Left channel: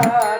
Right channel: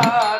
প্রেম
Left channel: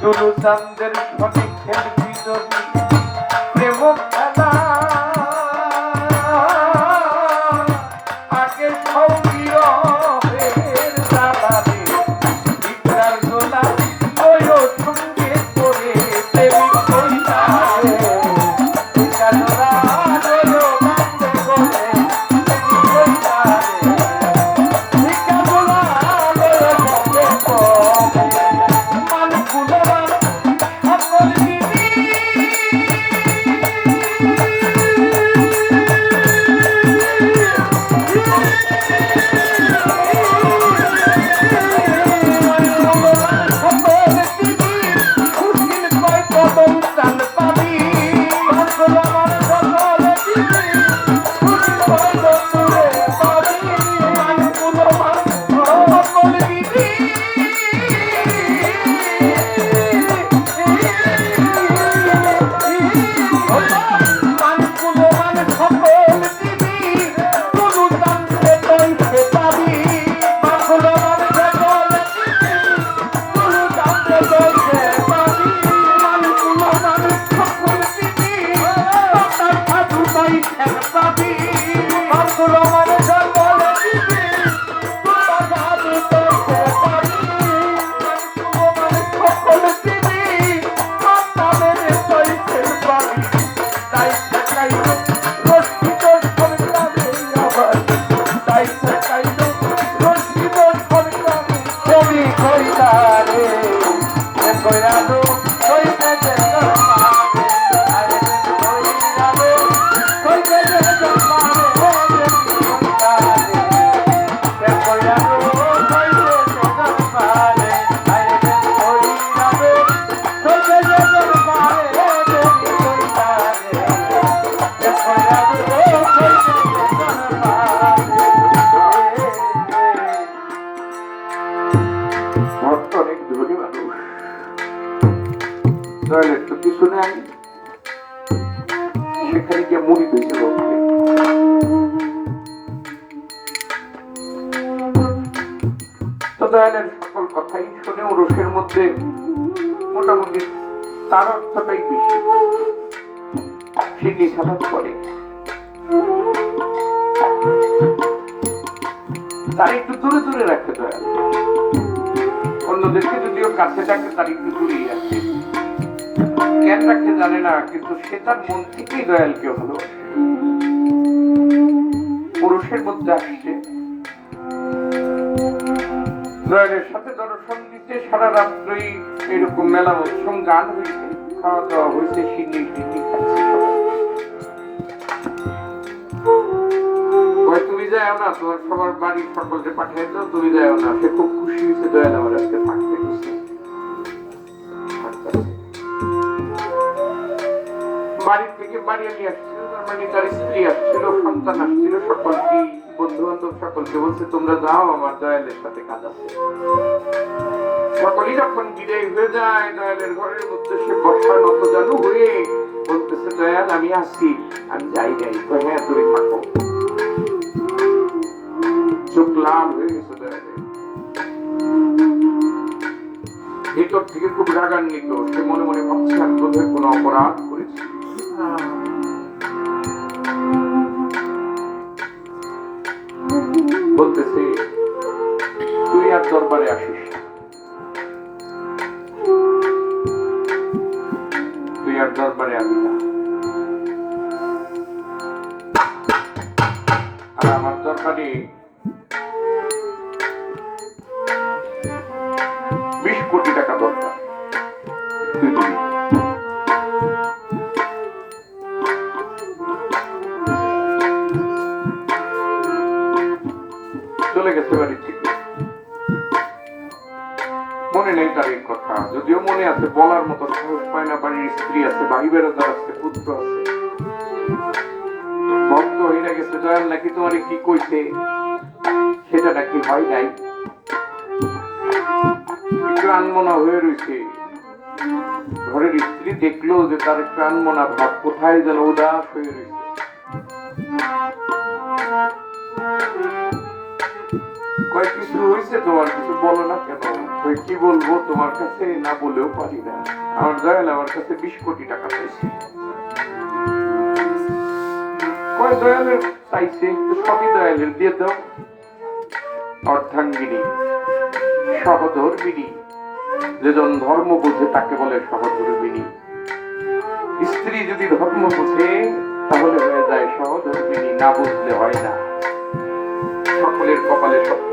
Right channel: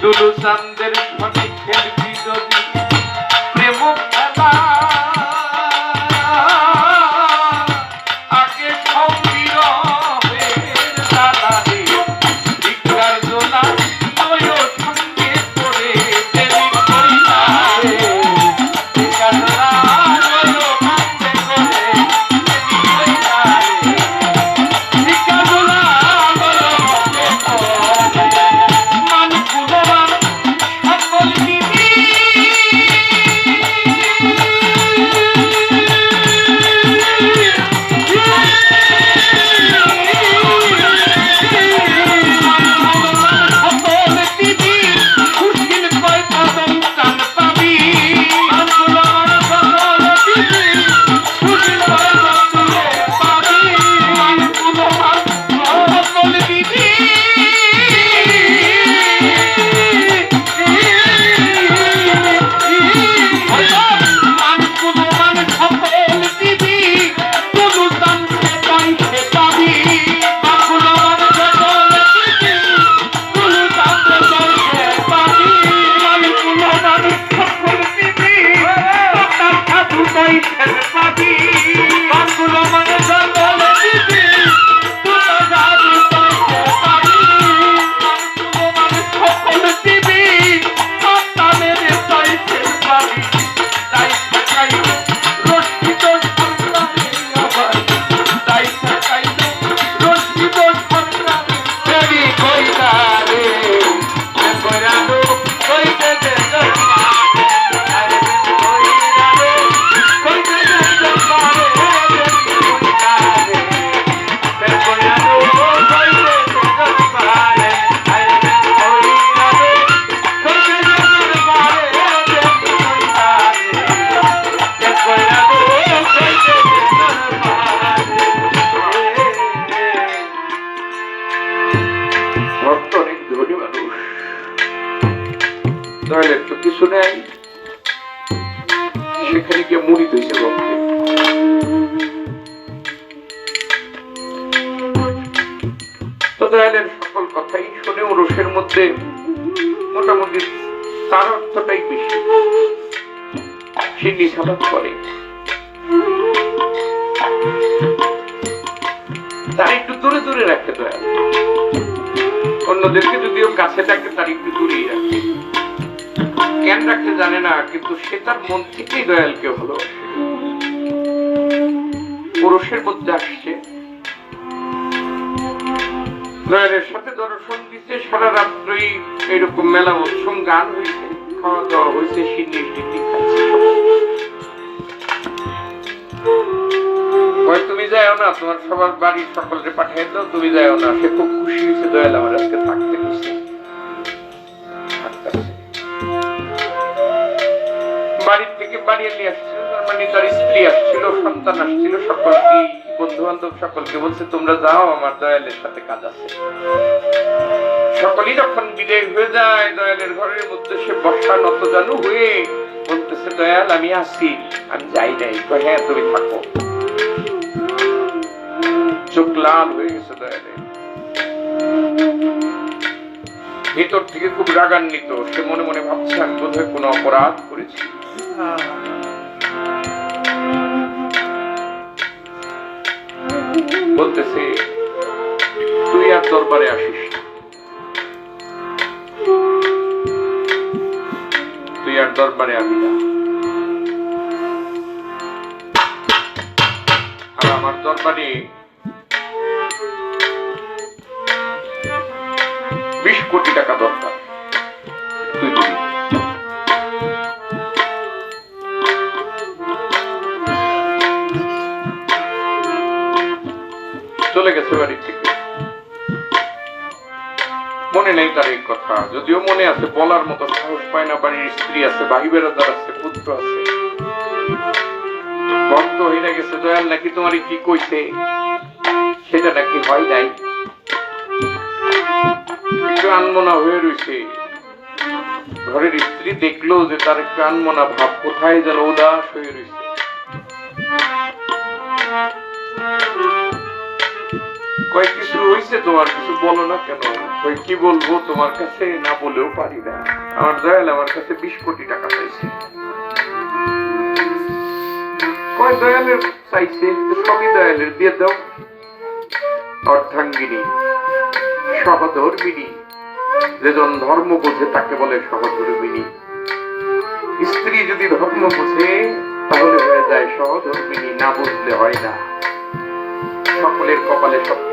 সুলতানদের সঙ্গে খেলবি যদি প্রেম খেলা আগে সৌরভের দাদা রে ভিক্ষার জোনা দয়ালের সকল কথাই শুনে ওরসের মধ্যে মোটামুটি তার অর্থটাই বেশি। সে নিষাদ করে। তার একটু দূরে দূরে রাখতে দয়াল অন্যদেরকে যদিও কাছে থাকে তার একটু দূরেই রাখে। কেন রাখতে জানে না, কিন্তু সে তার মন থেকেই দয়ালকে হলো। পুরুষের মধ্যে আসছে। দয়ালের সাথে দর্শন দিতে সারা রাত্রই এরকম মেলা উৎসব, গান হয়েছে খাওয়া দাওয়া হয়েছে সিন্নি টিন্নি তুমি যাও না, তোমার সবার বাড়ির সকলকে পাঠিয়ে দাও, তুমি যাও না। সে খুব খুশি হয়েছে, দয়াল আমার আজকে থাকতে দিচ্ছে বাড়ির থেকে বাড়ি নিয়ে আসছিল, তার মানে তার স্ত্রী আসছিল, সন্তান আসছিল সকলকে বন্ধু বান্ধব সকলকে বলছে, তোমরা যাও, আমার দয়ালের সাথে কাজ আছে। সকলেই যখন বিদায় হয়ে যায়, দয়ালের ঘরের মধ্যে সে বর্ষা নত জানু হয়ে বলতেছে, দয়াল, আমি আসি আমি যাই নাই হ্যাঁ তুমি থাকো। চোখ লাল হয়ে গেছে দয়ালে ভিতর থেকে খুব রাগান্বিত, সে মনে মনে ভাবছে, আমি বোধহয় কোনো অপরাধ করেছি। বলতেছে, তুই আর দরবারে আসিস তুই আর দরবারে না। আর আমার দরবারে বিশ কোটি টাকা দরকার। এই কথা যদিও মনে আছে, বলার মতো সাহস পায় না, বাড়ির স্ত্রী আছে ভাই বেড়াদার আছে, পুত্র আছে। বন্ধ হয়ে গেছে, দয়াল নাকি তোমার কি কইছে? সেটা নাকি হয় নাই। আনমনা হয়ে রয়েছে ঘরের স্ত্রী দেখল যে তার একটু আনমনা ভাব কোথায় যেন উদাস হয়ে রয়েছে কয় কিছু হয়েছে তোমার, কিছু বলো না কেন? কি বলব তোমার কাছে না বলেও পারি না। আমার দয়াল আমার কাছে বিশ কোটি টাকা চাইছে। কয় দয়ালের চাইছে? সবই দয়ালের। দিয়ে দাও। অর্ধাঙ্গিনী, সহধর্মিনী, যেজন ধর্ম বোঝে তাকে বলে সহধর্মিনী। স্ত্রী যদি ধর্ম বোঝে, তাহলে হয়ে যায় সহধর্মিনী। না বুঝলে হয় না। সকলের কপালে সব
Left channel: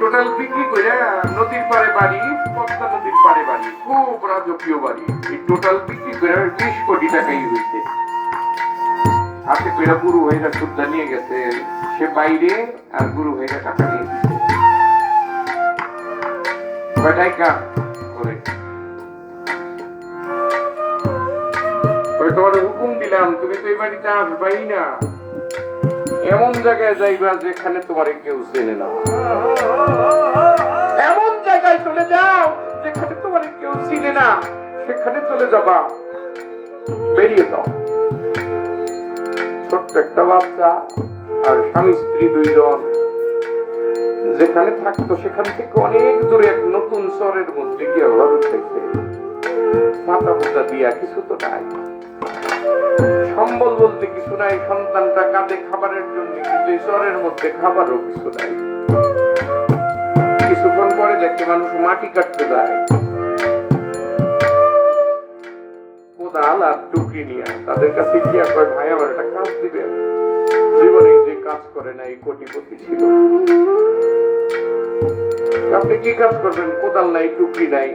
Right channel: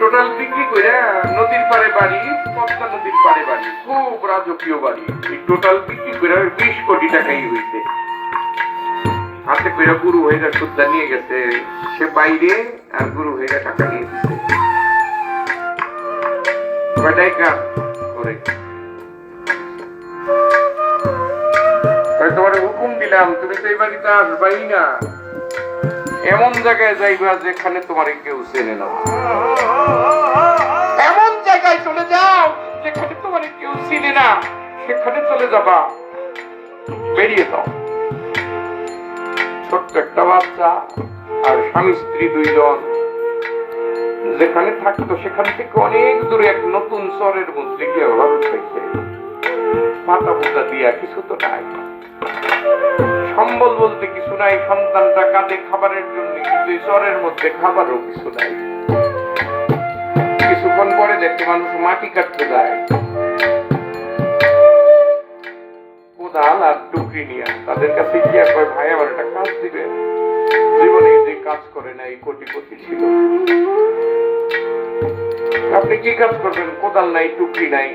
টোটাল বিক্রি করে নদীর পারে বাড়ি পদ্মা নদীর পারে বাড়ি, খুব রাজকীয় বাড়ি। এই টোটাল বিক্রি করে বিশ কোটি টাকাই হয়েছে হাতে করে গুরু হয়ে গেছে সুদ্ধা নিয়ে গেছে, সে বাইরে আর গুরু হয়ে গেছে টাকা নিয়ে দিচ্ছে কয়টাই কাম? করে তোমার হুকুম দিলাম, তুমি তো এই বাড়িতে আসবাই না। এমন জায়গায় যাইবা যেখানে তোমার কেউ চেনে না। এমন জায়গায় চলে যাও যেখানে তোমার কেউ চিনে না। সেখানে চলে যাবা। বেরিয়ে দাও ছোট্ট একটা বাচ্চা আর স্বামী স্ত্রী দুইজন। যেখানে থাকতো সেখান থেকে অনেক দূরে এক নতুন চরের মধ্যে গিয়ে ঘর উঠেছে মাথা পোতা দিয়া কিছু তো নাই। সম্বল বলতে কিছু নাই, সন্তানটা কাঁদে, খাবারের জন্য কিন্তু চরের মধ্যে খাবারও কিছু নাই। কিছুক্ষণ পরে দেখতে মানুষ মাটি কাটতে যায়? কোদাল আর টুকরি নিয়ে তাদের কাছে গিয়ে কয় ভাই আমার একটা কাজ দিবে। জীবনে যে কাজ করে না, এই কোটিপতি ছিল। আপনি কি কাজ করবেন? কোদাল নাই টুকরি নাই।